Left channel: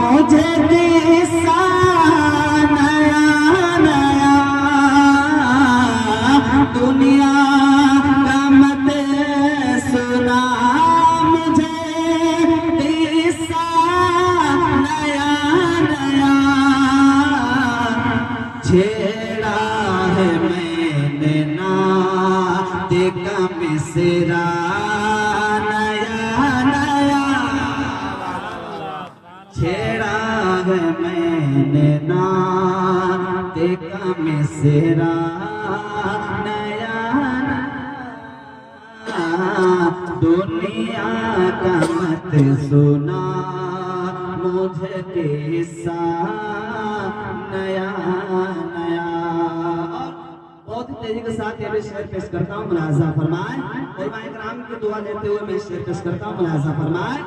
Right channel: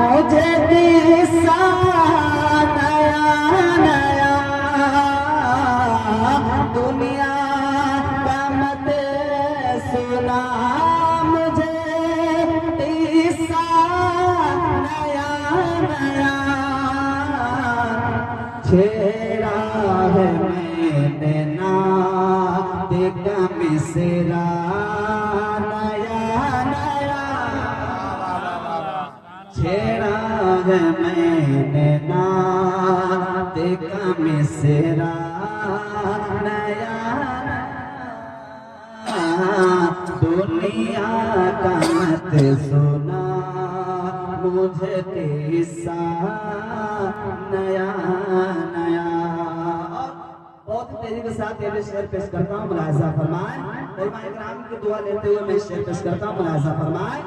مجھے قصہ نیا نیا دنیا کا مت سنا مجھے قصہ نیا نیا چھیڑا ہے میں نے نعت کا مصرع نیا نیا چھیڑا ہے میں نے نعت کا مصرع نیا نیا دنیا کا مت سنا مجھے قصہ نیا نیا بہت تیزی کے ساتھ یہ میں شعر پیش کرتا ہوں ملاحظہ فرمائیں علماء کرام کی دعا لیتے ہوئے میں شعر پیش کرتا ہوں ملاحظہ فرمائیں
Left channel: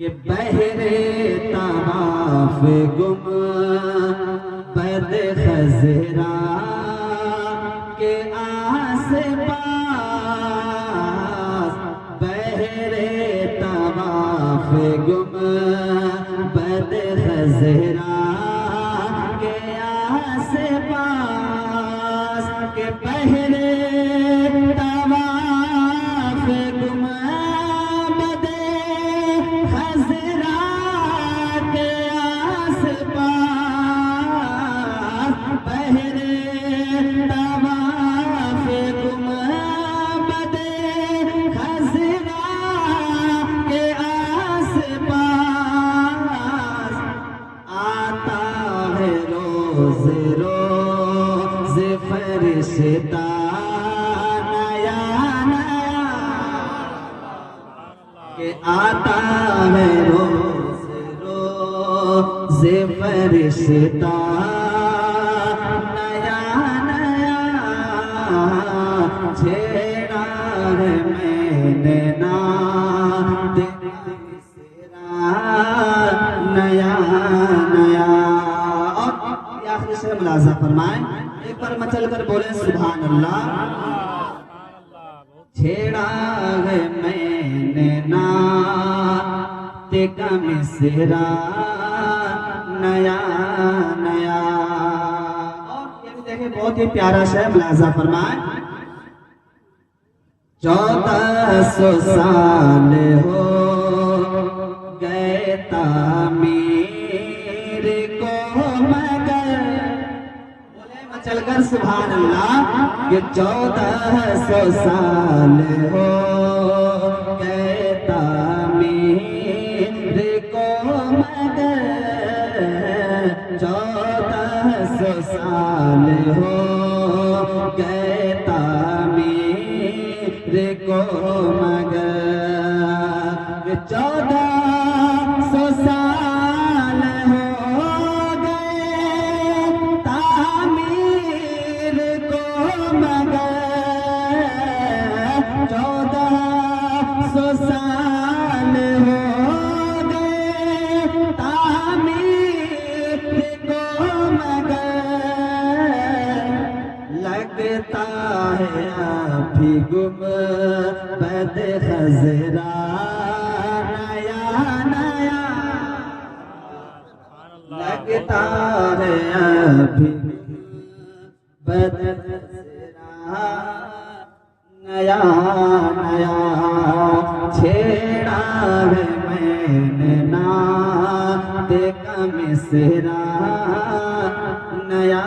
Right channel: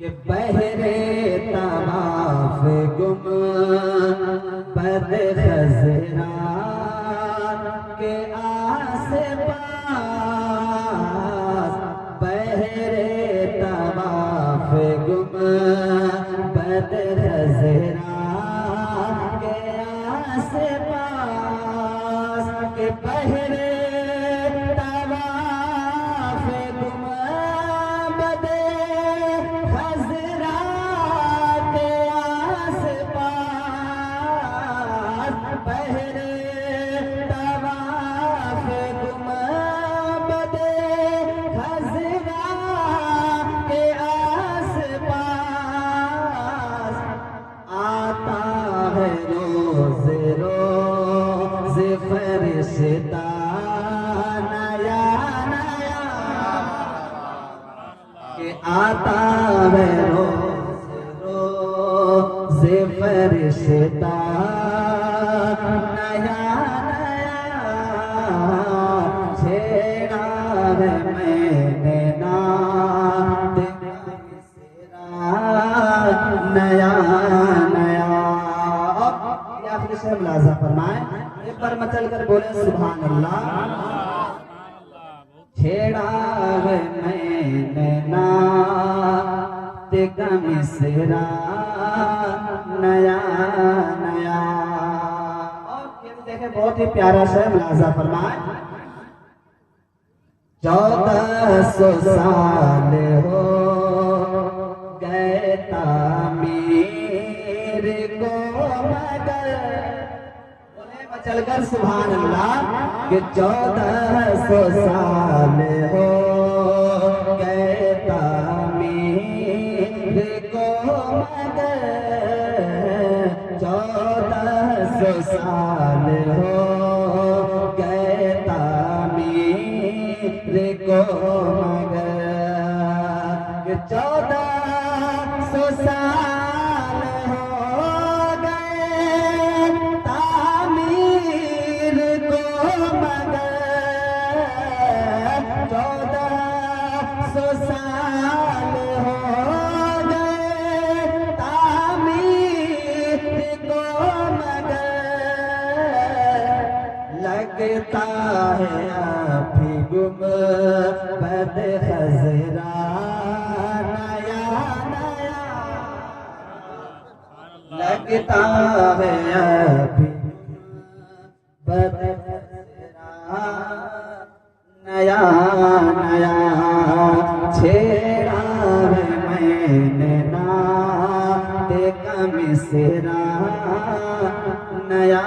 کہ بہرے طواف گم بد خضرا کے آس پاس بہرے طواف گم بد خضرا کے آس پاس کے بہرے طواف گم بد خضرا کے آس پاس بہرے طواف گم بد خضرا کے آس پاس آتا ہے روز روز فرشتہ نیا نیا کہ آتا ہے روز روز فرشتہ نیا نیا چھیڑا ہے میں نے نعت کا مصرع نیا نیا اور یہ آخری سے ملاحظہ فرمائیں ایک بار مچل کر بولیں سبحان اللہ چھیڑا ہے میں نے نعت کا مصرع نیا نیا اور یہ بھی دیکھیں بہت ہی پیارا شعر ملاحظہ فرمائیں 1400 سال ہو گئے تعمیر کو مگر بولے مچل کر سبحان اللہ کہ 1400 سال ہو گئے تعمیر کو مگر 1400 سال ہو گئے تعمیر کو مگر 1400 سال ہو گئے تعمیر کو مگر 1400 سال ہو گئے تعمیر کو مگر لگتا ہے ابھی گم بد خضرا نیا نیا لگتا ہے ابھی بد خضرا نیا نیا چھیڑا ہے میں نے نعت کا مصرع نیا